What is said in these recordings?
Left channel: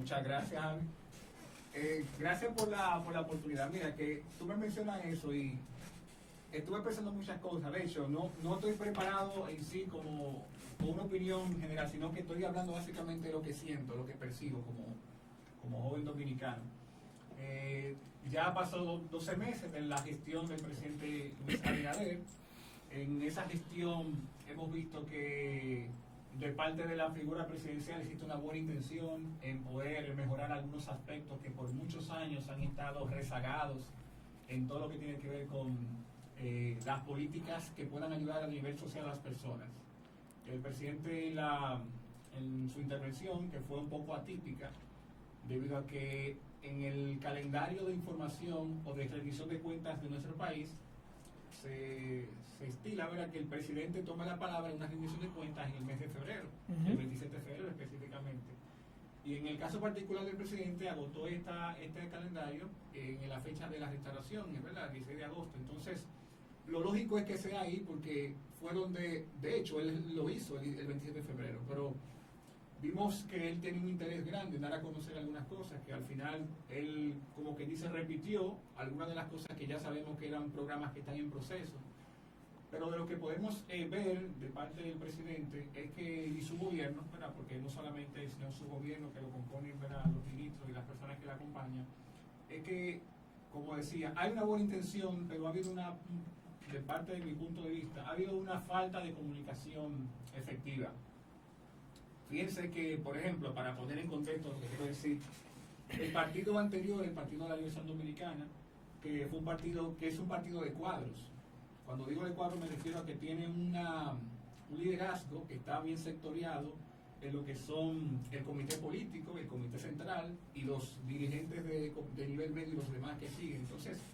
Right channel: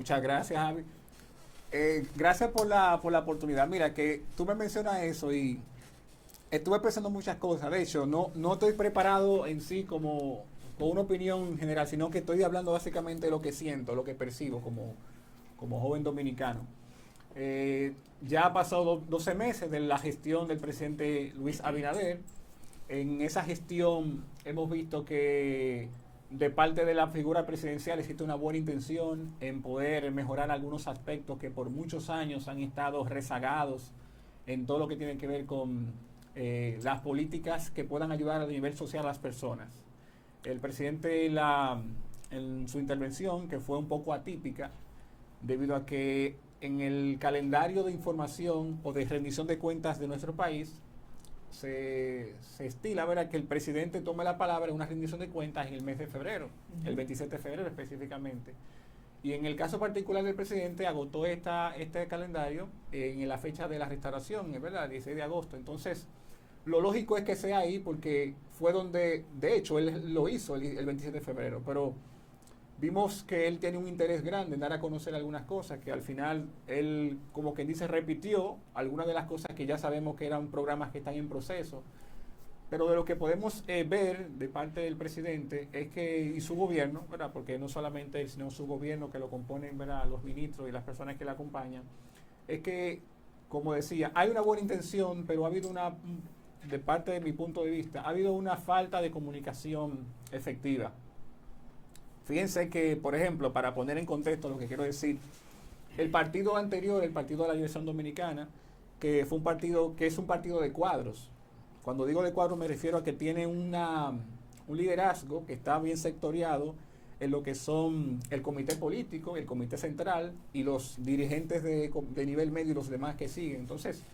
Muchas gracias, Javi. Gracias por la oportunidad. Mira, que tú me mencionas eso y estuve pensando muchas cosas. De hecho, no estoy preparado en sí como con una opinión general, sino que estoy hablando básicamente de lo que siento, lo que percibo como joven dominicano. Ya ha pasado 12 meses de la gestión del presidente Luis Abinader. En esa gestión hemos visto que de parte de la figura presidencial existe una buena intención en poder mejorar algunos aspectos que por muchos años han estado rezagados en todo lo que tiene que ver con las políticas que puedan ayudar a nivel social a las personas. El presidente en su intervención, que fue un poco atípica, debido a que en el calendario de información o de rendición de cuentas de nuestro país se estila, ¿verdad?, que el presidente tome la palabra en una rendición de cuentas en el mes de febrero, el 27 de febrero específicamente. Y en el caso particular del presidente agotó este calendario en la fecha de la restauración, ¿verdad?, el 16 de agosto. Entonces, lo lógico es que sea ahí porque fue donde, de hecho, él lo hizo el 27 de febrero, pero vimos que él tiene un interés grande en dar a conocer algunas cosas, que al final él, como quien dice, repitió algunas de las cosas que ya sabemos que eran programas que están en proceso. Pero de lo que podemos ver de parte del presidente es que, y su gobierno, ¿verdad?, porque no solamente es, sino su gobierno que lo componen, ¿verdad?, los ministros y las personas que le acompañan, es que, como decía, hay una buena intención, pero ha habido de parte de mi punto de vista, ha habido una falta de comunicación efectiva. Fíjense que, por ejemplo, para poner en contexto lo que quiero decir, el partido anterior, el Partido de la Liberación Dominicana, que fue un partido que es un partido de cuadros. Cuando digo de cuadros me refiero a que tiene un liderazgo que está bien sectoriado en lo que son el comité político, el comité central y los dirigentes de nivel medio y los demás que siguen. Entonces,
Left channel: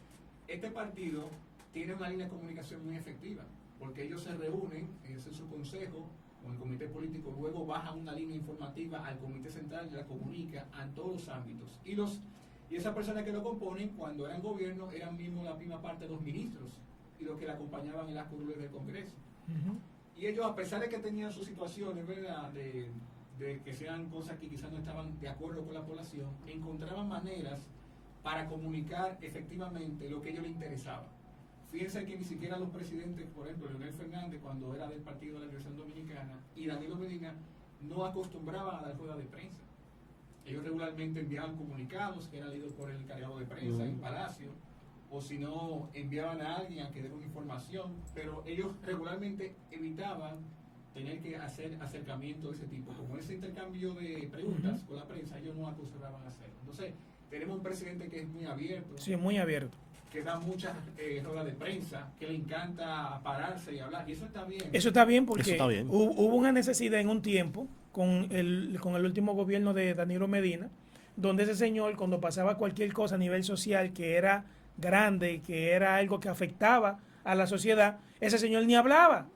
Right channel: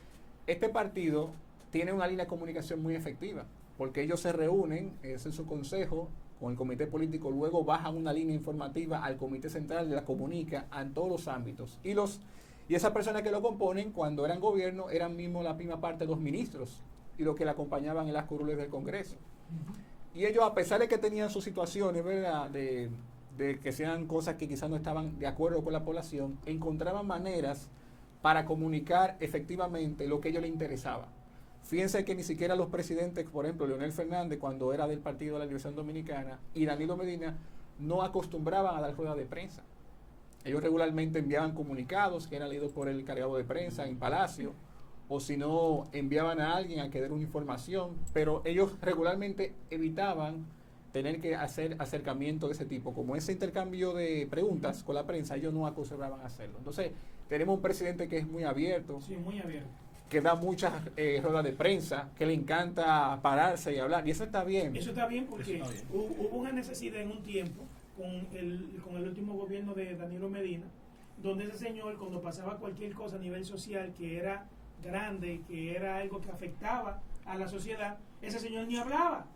este partido tiene una línea de comunicación muy efectiva, porque ellos se reúnen, ese es su consejo, con el comité político, luego bajan una línea informativa al comité central, la comunica en todos los ámbitos. Y esas personas que lo componen, cuando eran gobierno, eran mismo la misma parte de los ministros y los que le acompañaban en las curules del Congreso. Y ellos, a pesar de que tenían sus situaciones, ¿verdad?, de que sean cosas que quizás no estaban de acuerdo con la población, encontraban maneras para comunicar efectivamente lo que a ellos les interesaba. Fíjense que ni siquiera los presidentes, por ejemplo, Leonel Fernández, cuando era del Partido de la Liberación Dominicana, y Danilo Medina, no acostumbraban a dar ruedas de prensa. Ellos regularmente enviaban comunicados que eran leídos por el encargado de prensa en Palacio, o si no, enviaban a alguien a que dé una información, pero ellos regularmente evitaban tener que hacer acercamiento de ese tipo. Como ese intercambio de preguntas con la prensa, ellos no acostumbraban a hacerlo. Entonces, tenemos un presidente que es muy abierto. Sí, muy abierto. Que da muchas ruedas de prensa, que le encanta pararse y hablar, y eso está bien. Eso está bien porque está bien. Hubo una necesidad en un tiempo con el último gobierno de Danilo Medina, donde ese señor, cuando pasaba cualquier cosa a nivel social que era grande, que era algo que afectaba a la sociedad, ese señor ni hablaba.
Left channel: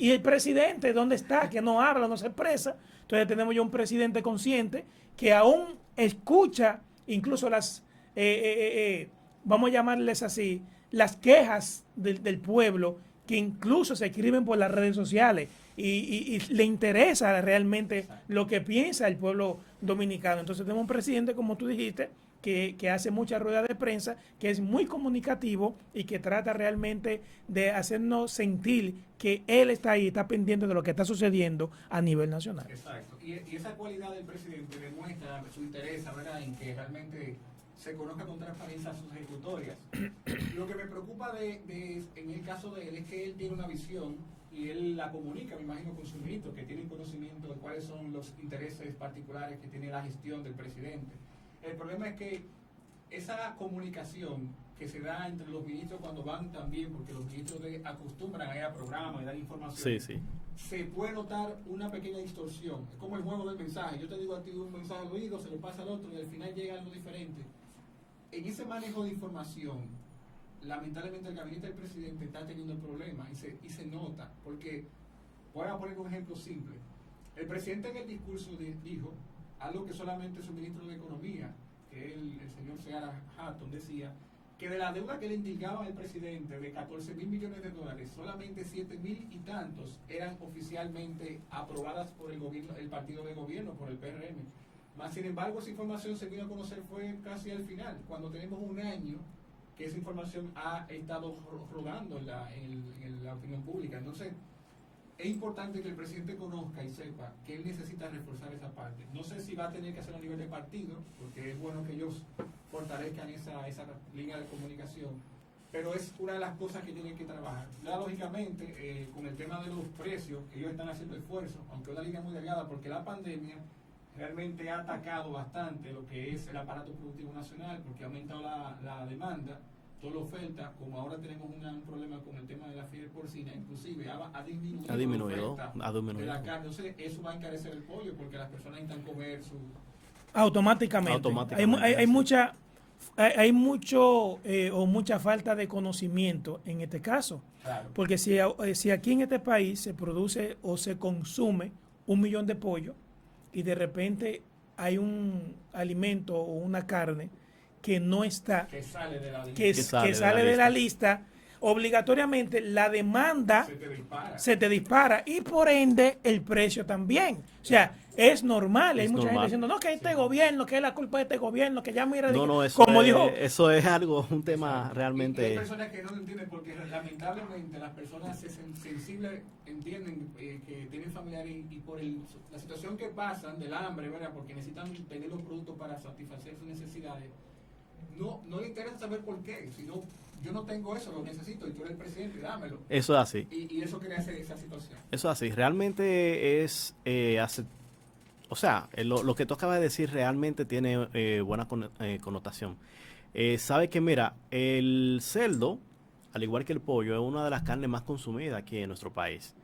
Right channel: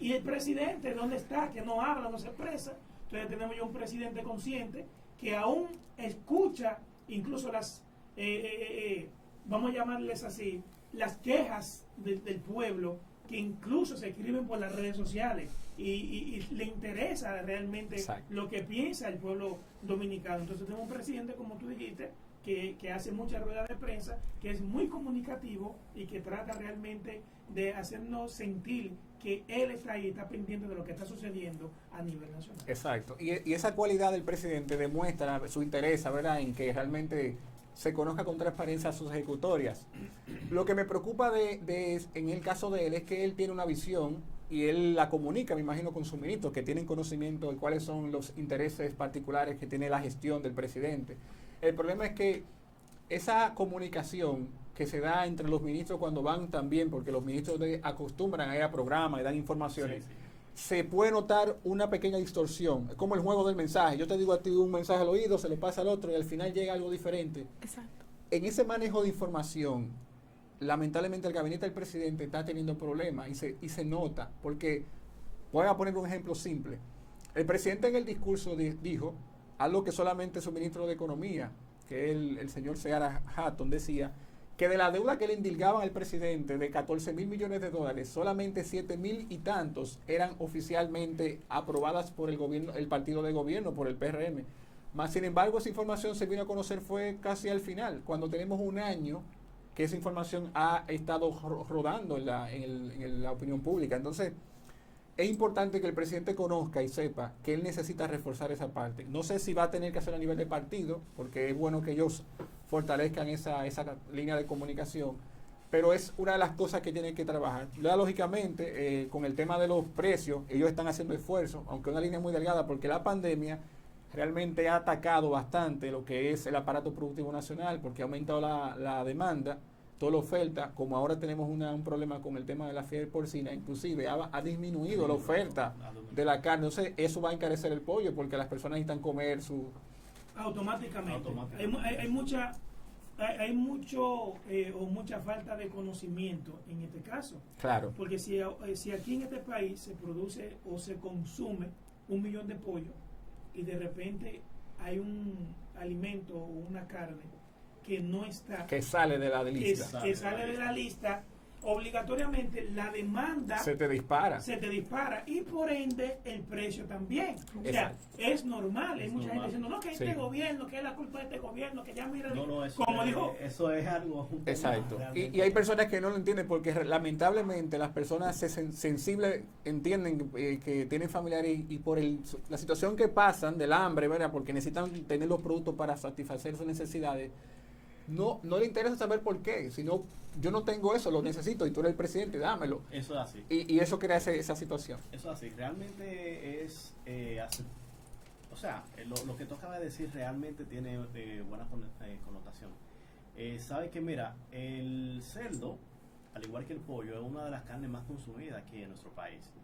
Y el presidente, ¿dónde está? Que no habla, no se expresa. Entonces tenemos ya un presidente consciente que aún escucha incluso vamos a llamarles así, las quejas del pueblo, que incluso se escriben por las redes sociales y le interesa realmente lo que piensa el pueblo dominicano. Entonces tenemos un presidente, como tú dijiste, que hace muchas ruedas de prensa, que es muy comunicativo y que trata realmente de hacernos sentir que él está ahí, está pendiente de lo que está sucediendo a nivel nacional. Exacto. Y esa cualidad del presidente demuestra su interés, ¿verdad?, en que realmente se conozca con transparencia sus ejecutorias. Lo que me preocupa en el caso de él es que él tiene una visión y él la comunica, me imagino, con sus ministros que tienen conocimiento de cuáles son los intereses particulares que tiene la gestión del presidente. El problema es que esa comunicación que se da entre los ministros cuando van también, porque los ministros acostumbran a ir a programas y dan información, se puede notar una pequeña distorsión. Es como el juego del mensaje. Yo te digo a ti un mensaje al oído, se lo pasa al otro y al final llega algo diferente. Exacto. En ese manejo de información, lamentablemente el gabinete del presidente está teniendo problemas y se nota, porque voy a poner un ejemplo simple. El presidente en el discurso dijo algo que solamente su ministro de Economía, que es el señor Seara Hatton, decía que de la deuda que le indilgaban al presidente de 14,000 millones de dólares, solamente 7,000 y tantos eran oficialmente aprobadas por el gobierno, el partido de gobierno, por el PRM. Más sin embargo, esa información se vino a conocer fue casi al final, cuando tenemos un año que esa información ha estado rodando en la opinión pública. Entonces, es importante que el presidente conozca y sepa que él necesita reforzar esa parte. No sé si va a tener que hacerlo a nivel de partido, porque es bueno que ellos fortalezcan esa línea de comunicación, pero es una de las cosas que tienen que trabajar. Lógicamente, con el tema de los precios, ellos están haciendo esfuerzos, aunque una línea muy delgada, porque la pandemia realmente ha atacado bastante lo que es el aparato productivo nacional, porque ha aumentado la demanda, toda la oferta. Como ahora tenemos un problema con el tema de la fiebre porcina, inclusive ha disminuido la oferta de la carne. Entonces eso va a encarecer el pollo, porque las personas necesitan comer su... Automáticamente. Hay mucho o mucha falta de conocimiento en este caso. Claro. Porque si aquí en este país se produce o se consume 1 millón de pollos y de repente hay un alimento o una carne que no está, que sale de la lista, que sale de la lista, obligatoriamente la demanda se te dispara y por ende el precio también. O sea, es normal. Hay mucha gente diciendo, no, que este gobierno, que es la culpa de este gobierno, que ya mira, eso es algo, un tema. Exacto. Realmente. Y hay personas que no lo entienden, porque lamentablemente las personas sensibles entienden que tienen familiares y por la situación que pasan del hambre, ¿verdad? Porque necesitan tener los productos para satisfacer sus necesidades. No le interesa saber por qué, sino yo no tengo eso, lo necesito y tú eres el presidente, dámelo. Eso es así. Y eso crea esa situación. Eso es así. Realmente es, lo que tú acabas de decir realmente tiene buena connotación. Sabe que, mira, el cerdo, al igual que el pollo, es una de las carnes más consumidas aquí en nuestro país.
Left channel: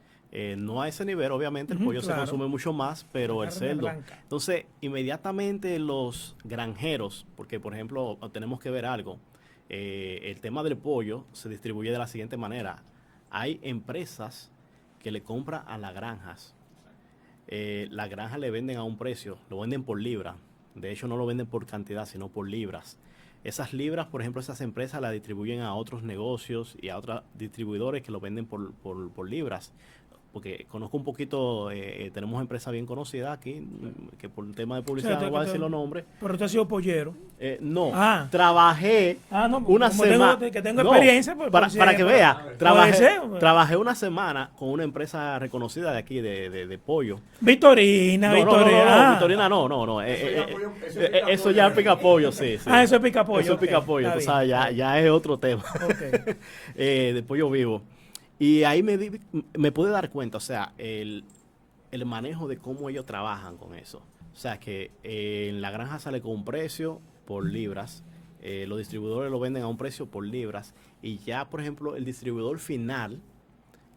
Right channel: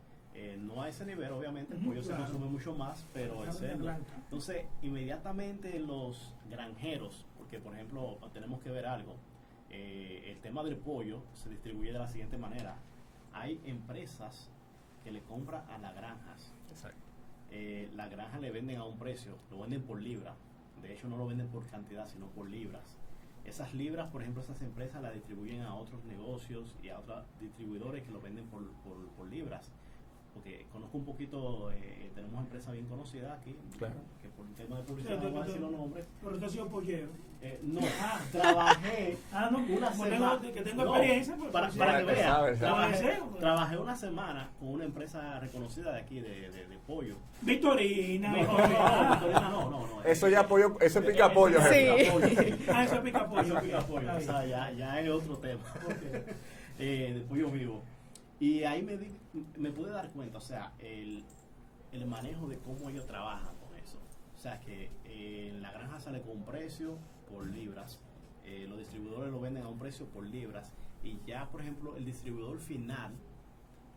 No a ese nivel, obviamente, el pollo se consume mucho más, pero el cerdo. Entonces, inmediatamente los granjeros, porque por ejemplo, tenemos que ver algo, el tema del pollo se distribuye de la siguiente manera. Hay empresas que le compran a las granjas. Las granjas le venden a un precio, lo venden por libra. De hecho, no lo venden por cantidad, sino por libras. Esas libras, por ejemplo, esas empresas las distribuyen a otros negocios y a otros distribuidores que lo venden por libras. Porque conozco un poquito, tenemos empresas bien conocidas aquí, que por un tema de publicidad no voy a decir los nombres. Pero tú has sido pollero. No, trabajé una semana. Que tengo experiencia. Para que vea, trabajé una semana con una empresa reconocida de aquí, de pollo. Victorina. Victorina no. Eso ya es pica pollo, sí. Eso es pica pollo. Eso es pica pollo, tú sabes, ya es otro tema. De pollo vivo. Y ahí me pude dar cuenta, o sea, el manejo de cómo ellos trabajan con eso. O sea, que en la granja sale con un precio por libras, los distribuidores lo venden a un precio por libras, y ya, por ejemplo, el distribuidor final,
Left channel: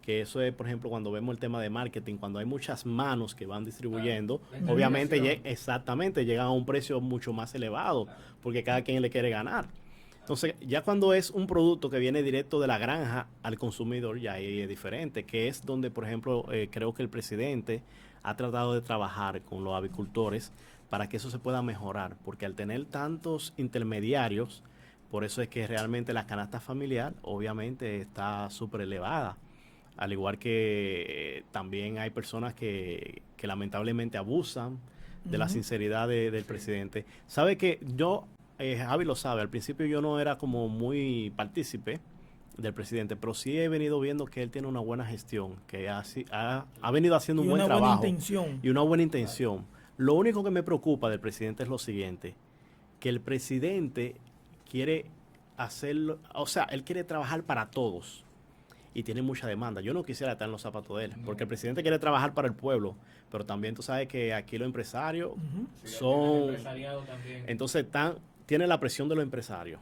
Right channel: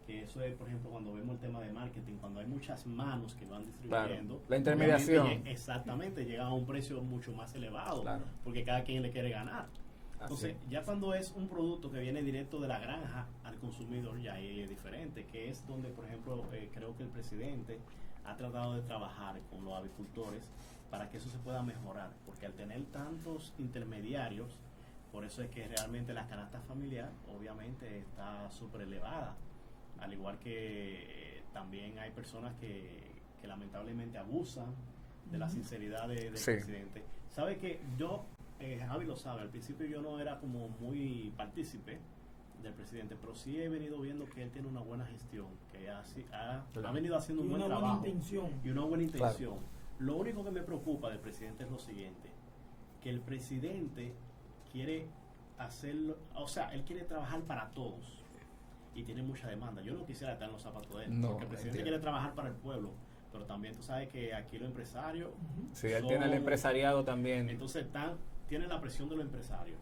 que eso es, por ejemplo, cuando vemos el tema de marketing, cuando hay muchas manos que van distribuyendo, obviamente llegan a un precio mucho más elevado, porque cada quien le quiere ganar. Entonces, ya cuando es un producto que viene directo de la granja al consumidor, ya ahí es diferente, que es donde, por ejemplo, creo que el presidente ha tratado de trabajar con los avicultores para que eso se pueda mejorar, porque al tener tantos intermediarios, por eso es que realmente la canasta familiar obviamente está súper elevada, al igual que también hay personas que lamentablemente abusan de la sinceridad del presidente. ¿Sabe que yo... Javi lo sabe, al principio yo no era como muy partícipe del presidente, pero sí he venido viendo que él tiene una buena gestión, que ha venido haciendo un buen trabajo y una buena intención. Lo único que me preocupa del presidente es lo siguiente, que el presidente quiere hacerlo, o sea, él quiere trabajar para todos y tiene mucha demanda. Yo no quisiera estar en los zapatos de él, porque el presidente quiere trabajar para el pueblo, pero también tú sabes que aquí los empresarios son... el empresariado también. Entonces tiene la presión de los empresarios,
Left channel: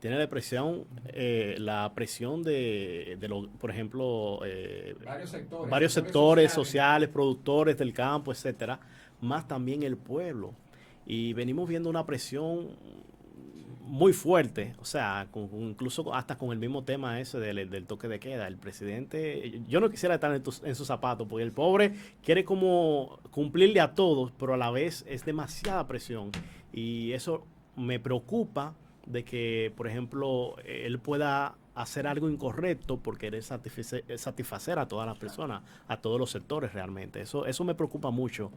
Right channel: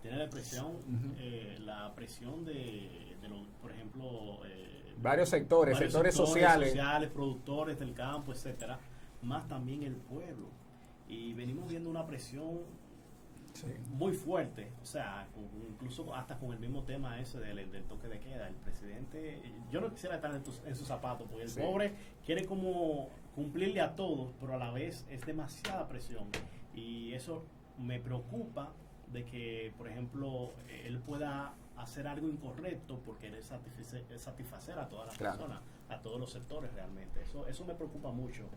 tiene la presión de los, por ejemplo, varios sectores sociales, productores del campo, etcétera, más también el pueblo. Y venimos viendo una presión muy fuerte, o sea, incluso hasta con el mismo tema ese del toque de queda. El presidente, yo no quisiera estar en sus zapatos, porque el pobre quiere como cumplirle a todos, pero a la vez es demasiada presión. Y eso me preocupa, de que, por ejemplo, él pueda hacer algo incorrecto por querer satisfacer a todas las personas, a todos los sectores realmente. Eso me preocupa mucho,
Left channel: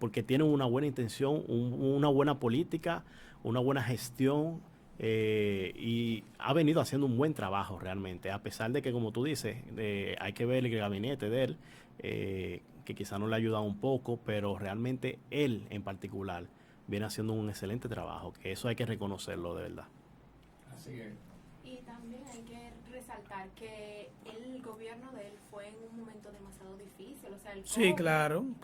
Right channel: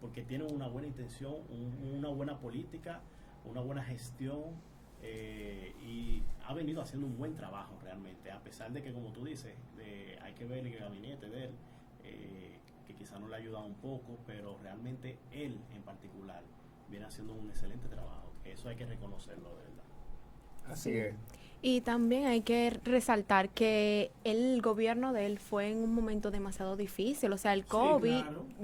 porque tienen una buena intención, una buena política, una buena gestión, y ha venido haciendo un buen trabajo realmente, a pesar de que, como tú dices, hay que ver el gabinete de él, que quizá no le ha ayudado un poco, pero realmente él en particular viene haciendo un excelente trabajo, que eso hay que reconocerlo de verdad. Así es. Y también hay que resaltar que el gobierno de él fue en un momento demasiado difícil, o sea, el COVID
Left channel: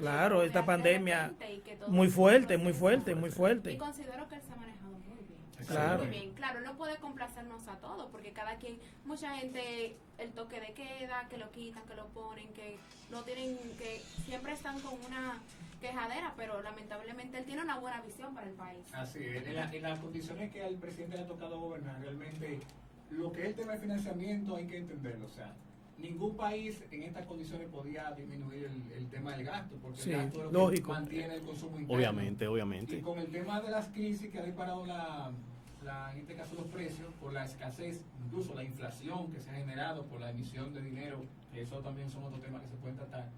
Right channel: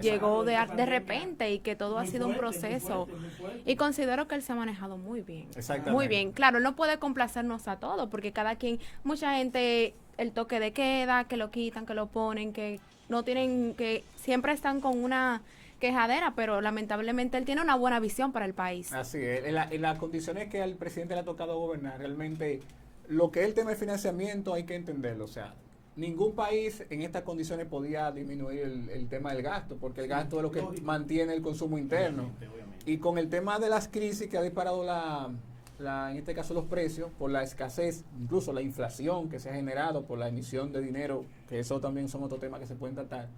llegó de repente y que todo ha sido un proceso. Muy fuerte. Y considero que él se ha manejado muy bien. Muy bien. Claro, no puede complacernos a todos, porque cada quien, mucha gente, el toque de queda, que lo quitan, que lo ponen, que no tienen, que siempre están con una quejadera, pero lamentablemente él tiene una buena visión para el país. Así es, en las condiciones que al presidente le ha tocado gobernar, realmente lo que es el tema de financiamiento hay que entenderlo, o sea, ningún país en estas condiciones podía disminuir el tema del gasto, porque el gasto es lo que mantiene el consumo interno. Obviamente. Y con el tema de las crisis que ha disparado en este caso los precios, por la escasez, incluso la inflación que se ha generado por la emisión de dinero, que eso también son otros temas que se pueden tratar,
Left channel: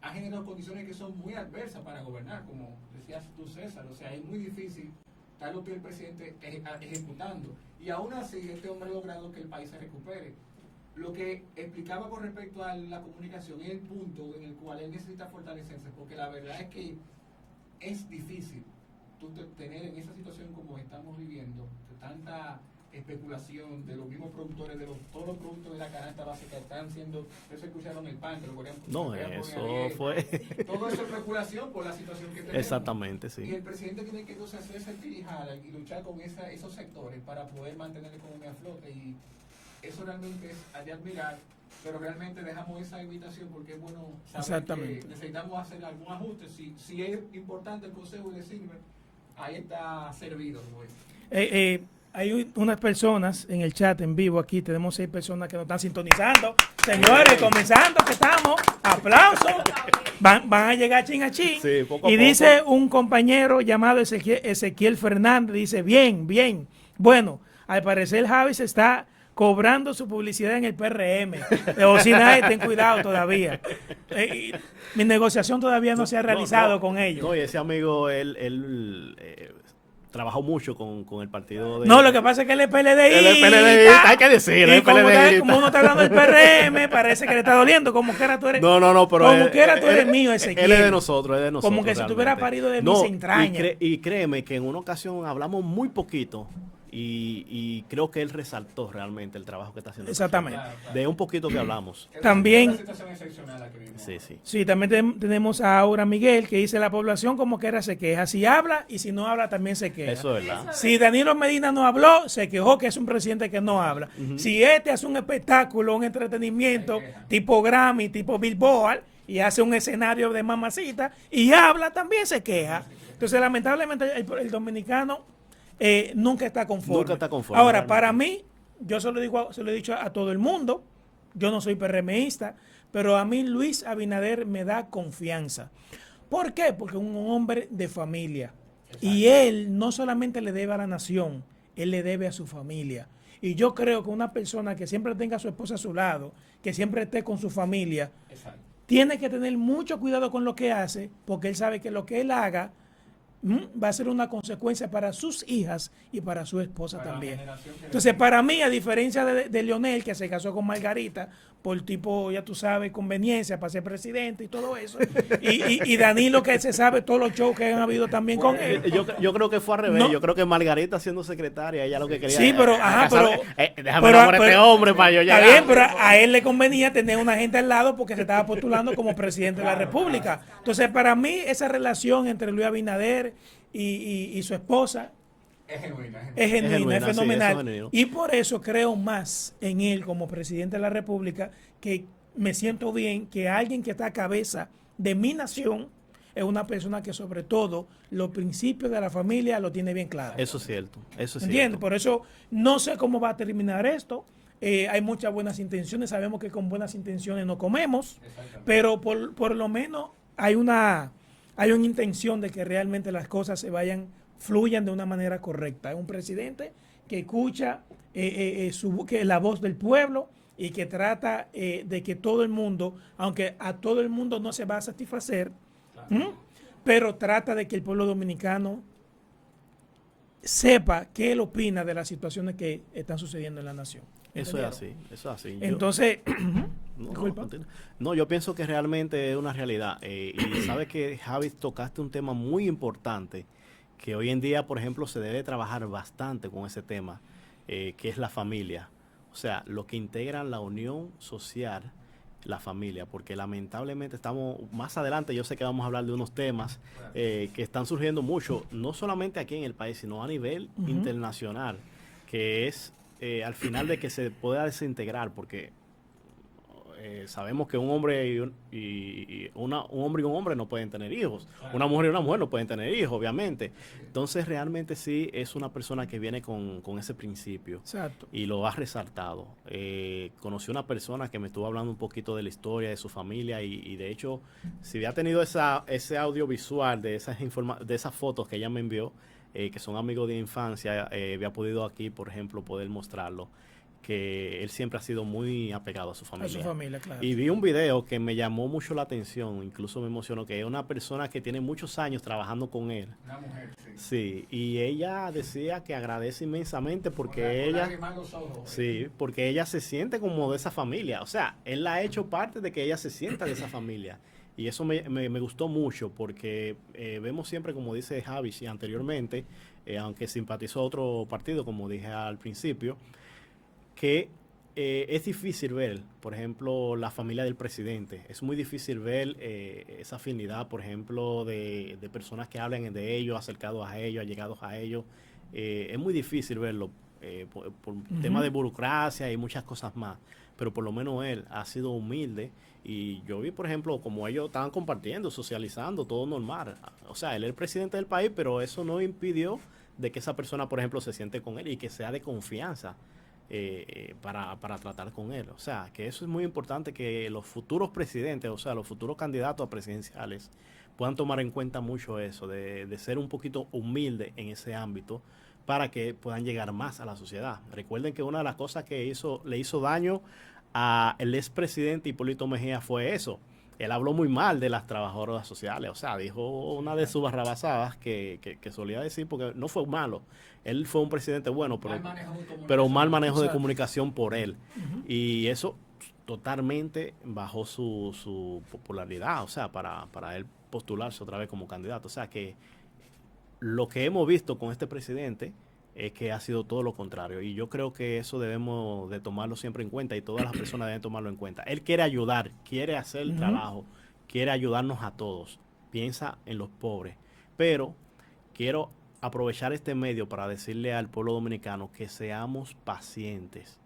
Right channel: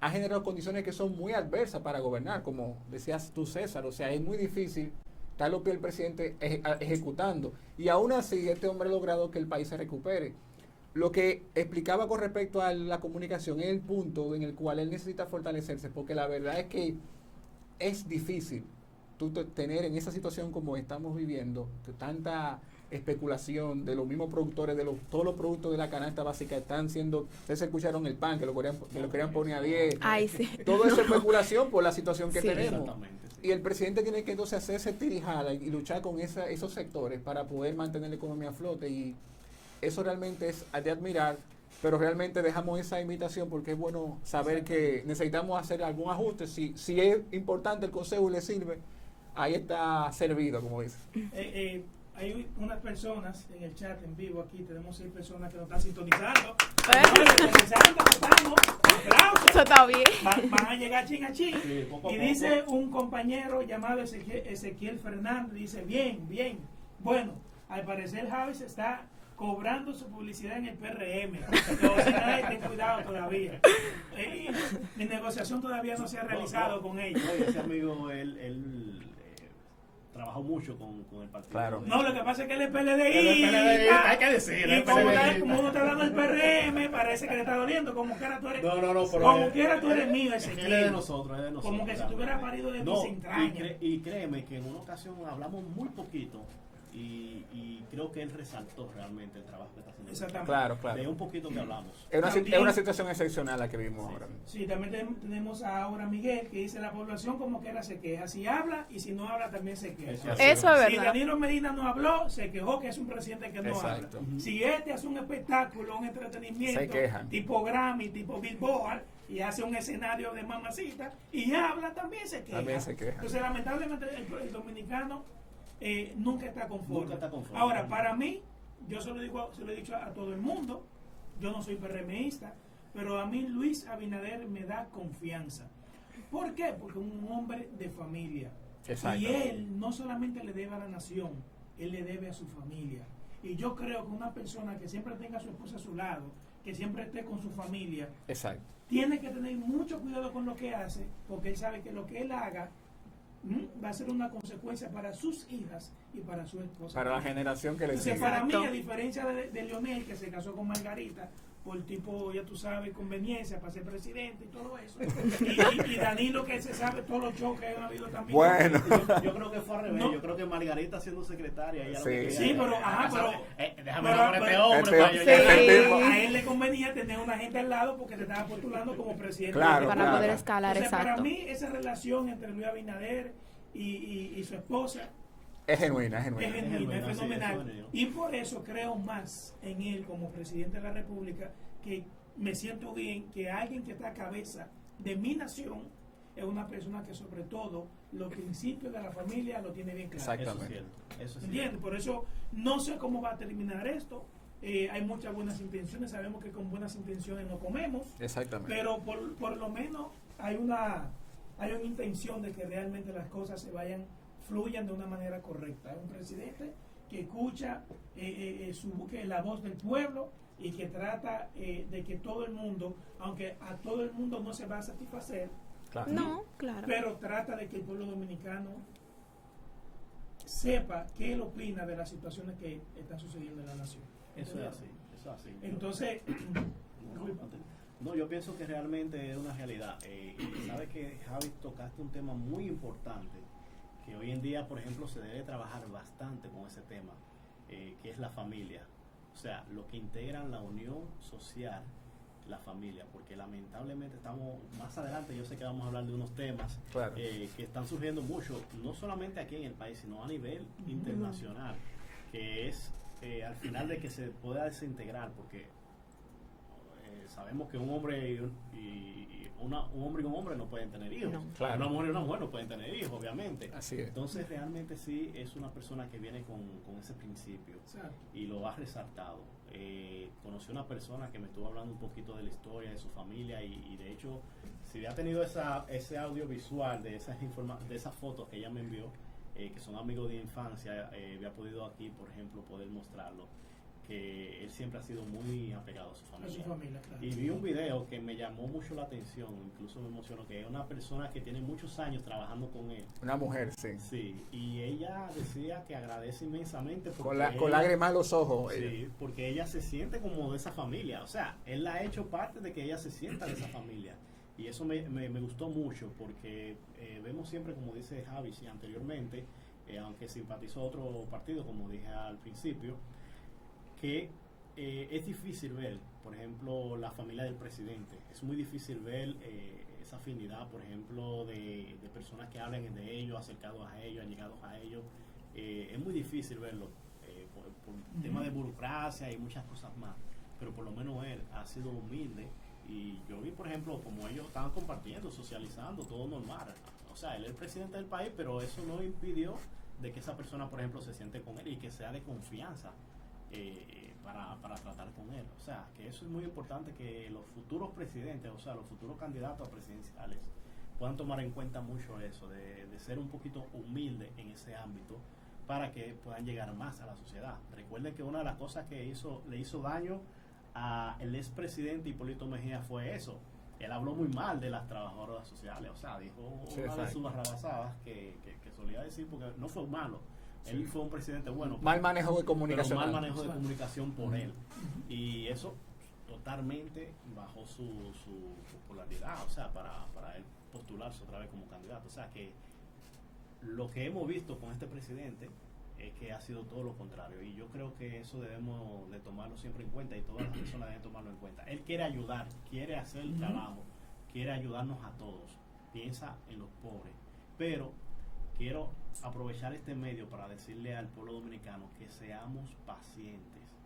ha generado condiciones que son muy adversas para gobernar, como decías tú, César. O sea, es muy difícil estar los pies del presidente ejecutando. Y aún así, este hombre ha logrado que el país se recupere. Lo que explicaba con respecto a la comunicación es el punto en el cual él necesita fortalecerse, porque la verdad es que es difícil tú tener en esa situación como estamos viviendo, de tanta especulación de los mismos productores, todos los productos de la canasta básica están siendo, ustedes escucharon el pan, que lo querían poner a 10, todo es especulación por la situación que tenemos. Exactamente, sí. Y el presidente tiene que entonces hacerse tirijada y luchar con esos sectores para poder mantener la economía a flote, y eso realmente es de admirar, pero realmente dejamos esa invitación porque es bueno saber que necesitamos hacer algún ajuste. Si es importante el consejo y le sirve, ahí está servido, como dice. Hay unas personas en el chat en vivo aquí, tenemos 6 personas que nos están sintonizando. Señores, comenzando que estamos, aplausos. Eso está bien. Van a llegar chin a chin. Sí, poco a y poco. Dice un compañero llamado Ezequiel Fernández, dice, bien. Bueno, al parecer Javi se está cobrando su publicidad en el PRM. O si nadie, ten cuidado todavía. Mi negociación todavía no se ha realizado con ellos. No, y ese amigo, él trabajó mucho con el partido. No, lo que pasa es que él es PLDista. Él es PLDista, hay que decirlo. Y como uno está hablando del PRM, parece que le está doliendo. Como quiera tú eres. No, pero como quiera tú eres mío, Ezequiel. Él es de nosotros, Como que si tú hubieras parido de mis entrañas. Y créeme que en una ocasión hablamos muy poquito. Y creo que él resaltó realmente el trabajo que está haciendo. Exactamente. Claro. De un poquito que hablamos. Es una situación excepcional la que vimos. Sí, también tenemos a Aura Miguel, que dice, la población como quiera se queja. Si habla y si no habla también se queja. Eso es verdad. Si Danilo Medina no habló, se quejó que es un presidente que no habla. Uh-huh. Si este hace un espectáculo, un entretenimiento, tipo Grammy, tipo Billboard, y hace un escenario de mamacita, y habla, también se queja. Entonces, lamentablemente, el dominicano nunca está conforme. Ahora, para mí, yo se lo he dicho a todo el mundo, yo no soy PRMista, pero a mí Luis Abinader me da confianza. ¿Por qué? Porque es un hombre de familia. Exacto. Y él no solamente le debe a la nación, él le debe a su familia. Y yo creo que una persona que siempre tenga a su esposa a su lado, que siempre esté con su familia, exacto, tiene que tener mucho cuidado con lo que hace, porque él sabe que lo que él haga va a ser una consecuencia para sus hijas y para su esposa para también. La generación que entonces, para mí, a diferencia de Leonel, que se casó con Margarita por tipo, ya tú sabes, conveniencia para ser presidente y todo eso, y Danilo, que se sabe todos los shows que han habido también con él. Yo creo que fue al revés. Yo creo que Margarita siendo secretaria, ella lo que quería. Sí, pero déjame enamorar a este hombre para yo llegar. Bien, pero a él le convenía tener una gente al lado porque se estaba postulando como presidente de la República. Entonces, para mí, esa relación entre Luis Abinader y su esposa es genuina, es fenomenal. Sí, y por eso creo más en él como presidente de la República, que me siento bien que alguien que está a cabeza de mi nación es una persona que sobre todo los principios de la familia lo tiene bien claro. Eso es cierto. ¿Entiendes? Por eso no sé cómo va a terminar esto. Hay muchas buenas intenciones, sabemos que con buenas intenciones no comemos. Exactamente. Pero por lo menos hay una intención de que realmente las cosas fluyan de una manera correcta. Es un presidente que escucha que la voz del pueblo y que trata de que todo el mundo, aunque a todo el mundo no se va a satisfacer, Claro. No, claro. pero trata de que el pueblo dominicano sepa qué él opina de las situaciones que están sucediendo en la nación. Eso es así, eso es así. Entonces, No, yo pienso que realmente es una realidad. Y sabes que, Javi, tocaste un tema muy importante, que hoy en día, por ejemplo, se debe trabajar bastante con ese tema, que es la familia. O sea, lo que integran la unión social, la familia, porque lamentablemente estamos, más adelante yo sé que vamos a hablar de unos temas Claro. que están surgiendo mucho, no solamente aquí en el país, sino a nivel internacional, que es al final de que se pueda desintegrar, porque sabemos que un hombre y un hombre y un hombre no pueden tener hijos. Claro. Una mujer y una mujer no pueden tener hijos, obviamente. Así es. Entonces, realmente sí es una persona que viene con ese principio exacto. y lo ha resaltado. Conocí una persona que me estuvo hablando un poquito de la historia de su familia y de hecho, si había tenido ese audiovisual de esas fotos que ella me envió, que son amigos de infancia, había podido aquí, por ejemplo, poder mostrarlo, que él siempre ha sido muy apegado a su familia. A su familia, claro. Y vi un video que me llamó mucho la atención, incluso me emocionó, que es una persona que tiene muchos años trabajando con él. Una mujer, sí. Sí, y ella decía que agradece inmensamente porque Con lágrimas en los ojos. sí, porque ella se siente como de esa familia. O sea, él la ha hecho parte de que ella se sienta de esa familia. Y eso me gustó mucho porque vemos siempre, como dice Javi anteriormente, aunque simpatizó a otro partido, como dije al principio, que es difícil ver, por ejemplo, la familia del presidente. Es muy difícil ver esa afinidad, por ejemplo, de personas que hablan de ellos, acercados a ellos, allegados a ellos. Es muy difícil verlo por tema de burocracia y muchas cosas más. Pero por lo menos él ha sido humilde. Y yo vi, por ejemplo, como ellos estaban compartiendo, socializando, todo normal. O sea, él es el presidente del país, pero eso no impidió de que esa persona, por ejemplo, se siente con él y que sea de confianza. Para tratar con él. O sea, que eso es muy importante, que los futuros presidentes, o sea, los futuros candidatos a presidenciales puedan tomar en cuenta mucho eso, de ser un poquito humilde en ese ámbito para que puedan llegar más a la sociedad. Recuerden que una de las cosas que le hizo daño al expresidente Hipólito Mejía fue eso. Él habló muy mal de las trabajadoras sociales, o sea, dijo una de sus barrabasadas que solía decir, porque no fue malo. Él fue un presidente bueno, Mal manejo de comunicación. pero mal manejo de comunicación por él. Y eso totalmente bajó su popularidad, o sea, para él postularse otra vez como candidato. O sea, que lo que hemos visto con este presidente es que ha sido todo lo contrario. Y yo creo que eso debemos de tomarlo siempre en cuenta y todas las personas deben tomarlo en cuenta. Él quiere ayudar, quiere hacer el trabajo, quiere ayudarnos a todos. Piensa en los pobres. Pero quiero aprovechar este medio para decirle al pueblo dominicano que seamos pacientes.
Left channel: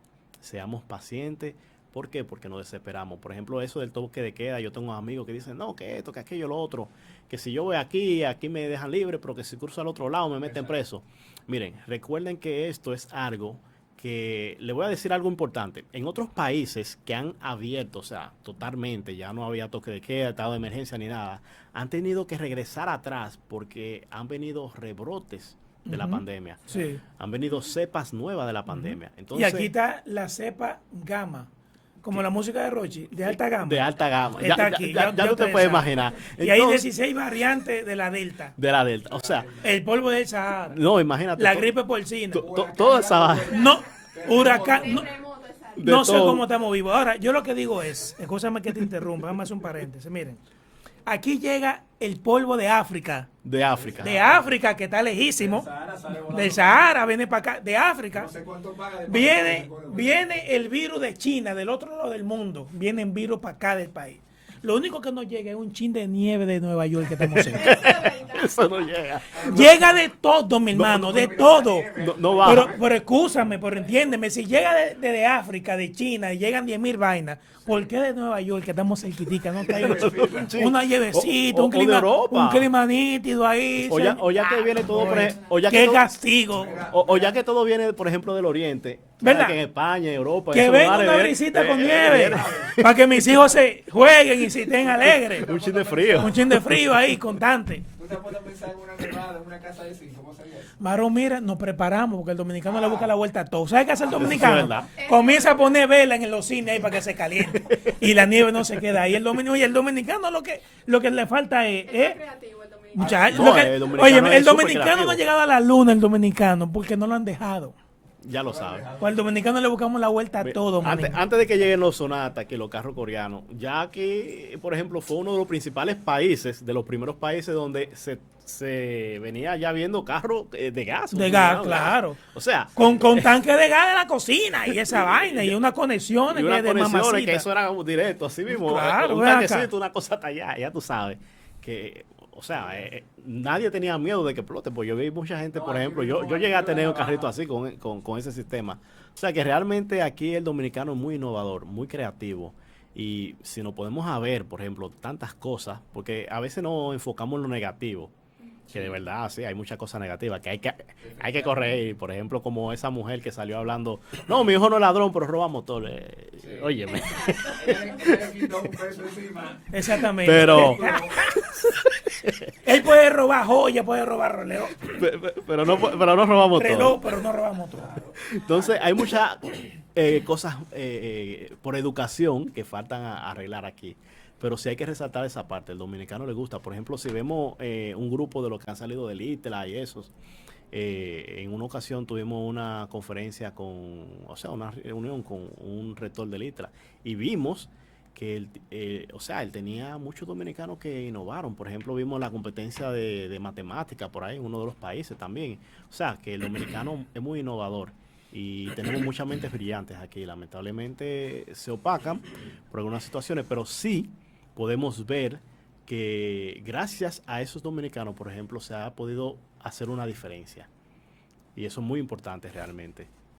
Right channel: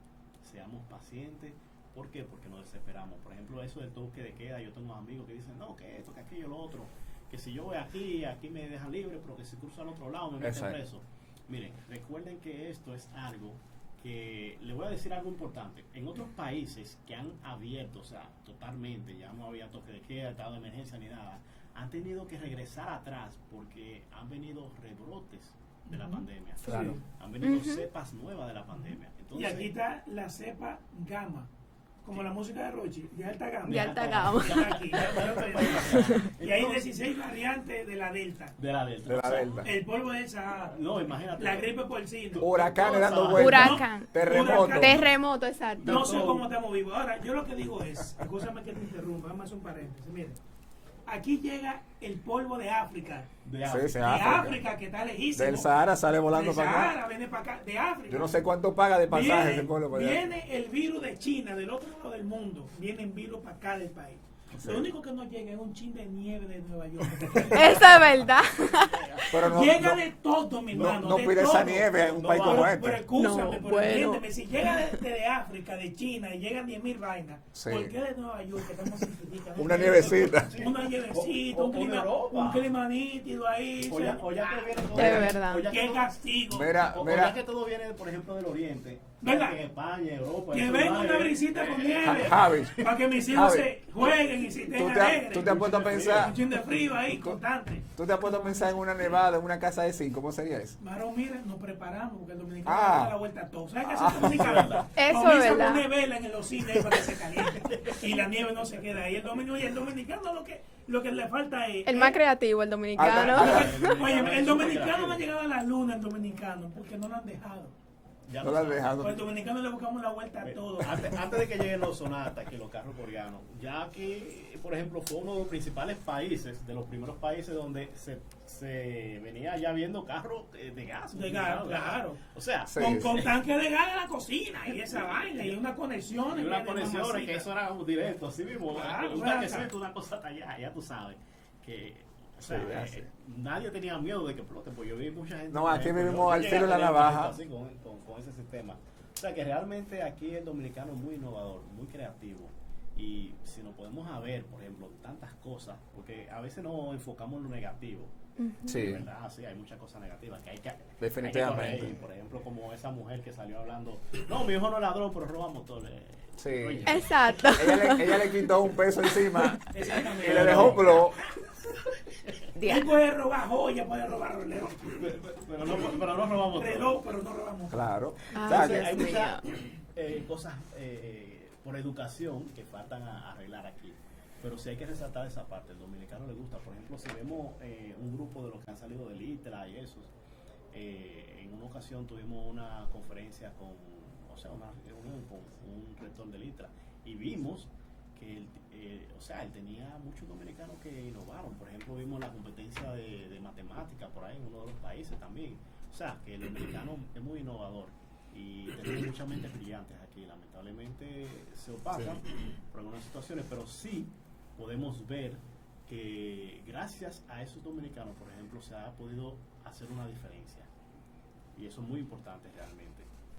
Seamos pacientes. ¿Por qué? Porque nos desesperamos. Por ejemplo, eso del toque de queda, yo tengo amigos que dicen, no, que esto, que aquello, lo otro, que si yo voy aquí me dejan libre, pero que si cruzo al otro lado me meten preso. Miren, recuerden que esto es algo que, le voy a decir algo importante. En otros países que han abierto, o sea, totalmente, ya no había toque de queda, estado de emergencia ni nada, han tenido que regresar atrás porque han venido rebrotes de la pandemia. Sí. Han venido cepas nuevas de la pandemia. Y Entonces, aquí está la cepa gamma, como la música de Rochi, de alta gama. de alta gama. Está aquí. Ya tú te puedes imaginar. Y hay Entonces, 16 variantes de la delta. de la delta. O sea, El polvo del Sahara. no, imagínate. La gripe porcina. Toda esa vaina. Huracán. Huracán. Terremoto, exacto. De No sé todo. cómo estamos vivos. Ahora, yo lo que digo es, escúchame que te interrumpa, vamos a hacer un paréntesis. Miren, aquí llega el polvo de África. De África. De África, que está lejísimo. Del Sahara sale volando. Del Sahara, viene para acá. De Yo África. no sé cuánto paga de pasaje ese Viene, pueblo, pero- viene el virus de China, del otro lado del mundo. Viene el virus para acá del país. Lo único que nos llega es un chin de nieve de Nueva York que estamos haciendo. Eso es verdad. Eso no llega. Pero no- Llega de todo, mi hermano, no de pide esa todo. nieve, No hay va. país, Pero excúsame, No, pero bueno. entiéndeme, si llega de África, de China, y llegan 10.000 vainas, Sí. ¿por qué de Nueva York, que estamos cerquitica, no Una trae nievecita. una llavecita, O un de clima, Europa. un clima nítido ahí? O ya que viene todo, de por verdad. o ya que ¡Qué todo- castigo! Mira, o mira, ya que todo viene, por ejemplo, del Oriente, ¿Verdad? que en España, Europa, Que esos venga lugares una de- brisita con de- nieve, Javi. para que mis hijos se jueguen y sí, estén alegres. Un chin de frío. Un chin de frío ahí, constante. ¿Tú te has puesto a pensar en una nevada, en una casa de 5? ¿Cómo sería eso? Marón, mira, nos preparamos porque el dominicano le gusta la vuelta a todo. ¿Sabes qué hace el Es dominicano? verdad. Comienza a Eso es poner vela en los cines ahí para que se caliente. Y la nieve no se queda ahí. El dominicano lo que le falta es... El más creativo, el dominicano. Muchacho, No, lo que- el dominicano oye, es el súper dominicano creativo. no ha llegado a la luna, el dominicano, porque no lo han dejado. Ya lo No lo han sabes. dejado. Pues al dominicano le buscamos la vuelta a todo. Antes, manín. antes de que lleguen los Sonata, que los carros coreanos, ya que, por ejemplo, fue uno de los principales países, de los primeros países donde se venía ya viendo carros de gas. De gas, claro. O sea, Con tanque de gas en la cocina y esa vaina y unas conexiones y que unas es de conexiones mamacita. que eso era como directo, así mismo. Claro, Un ven acá. tanquecito, una cosa tallada, ya tú sabes. Que, o sea, nadie tenía miedo de que explote, pues yo vi mucha gente, No, por aquí ejemplo, mismo yo al llegué a filo de tener la un carrito navaja. así con ese sistema. O sea que realmente aquí el dominicano es muy innovador, muy creativo. Y si nos podemos a ver, por ejemplo, tantas cosas, porque a veces nos enfocamos en lo negativo. Sí, de verdad, sí, hay muchas cosas negativas que hay que corregir. Por ejemplo, como esa mujer que salió hablando, no, mi hijo no es ladrón, pero roba motores. Sí. Oye, Exacto. Ella le quitó un peso encima. Exactamente. Pero- Él puede robar joya, puede robar reloj, pero no roba motores. pero no robamos. Claro. Entonces, hay muchas cosas por educación que faltan a arreglar aquí. Pero sí hay que resaltar esa parte. El dominicano le gusta. Por ejemplo, si vemos un grupo de los que han salido del ITLA y esos, en una ocasión tuvimos una conferencia una reunión con un rector del ITLA y vimos que él tenía muchos dominicanos que innovaron. Por ejemplo, vimos la competencia de matemática por ahí en uno de los países también. O sea, que el dominicano es muy innovador. Y tenemos muchas mentes brillantes aquí. Lamentablemente se opacan por algunas situaciones, pero sí podemos ver que gracias a esos dominicanos, por ejemplo, se ha podido hacer una diferencia. Y eso es muy importante realmente.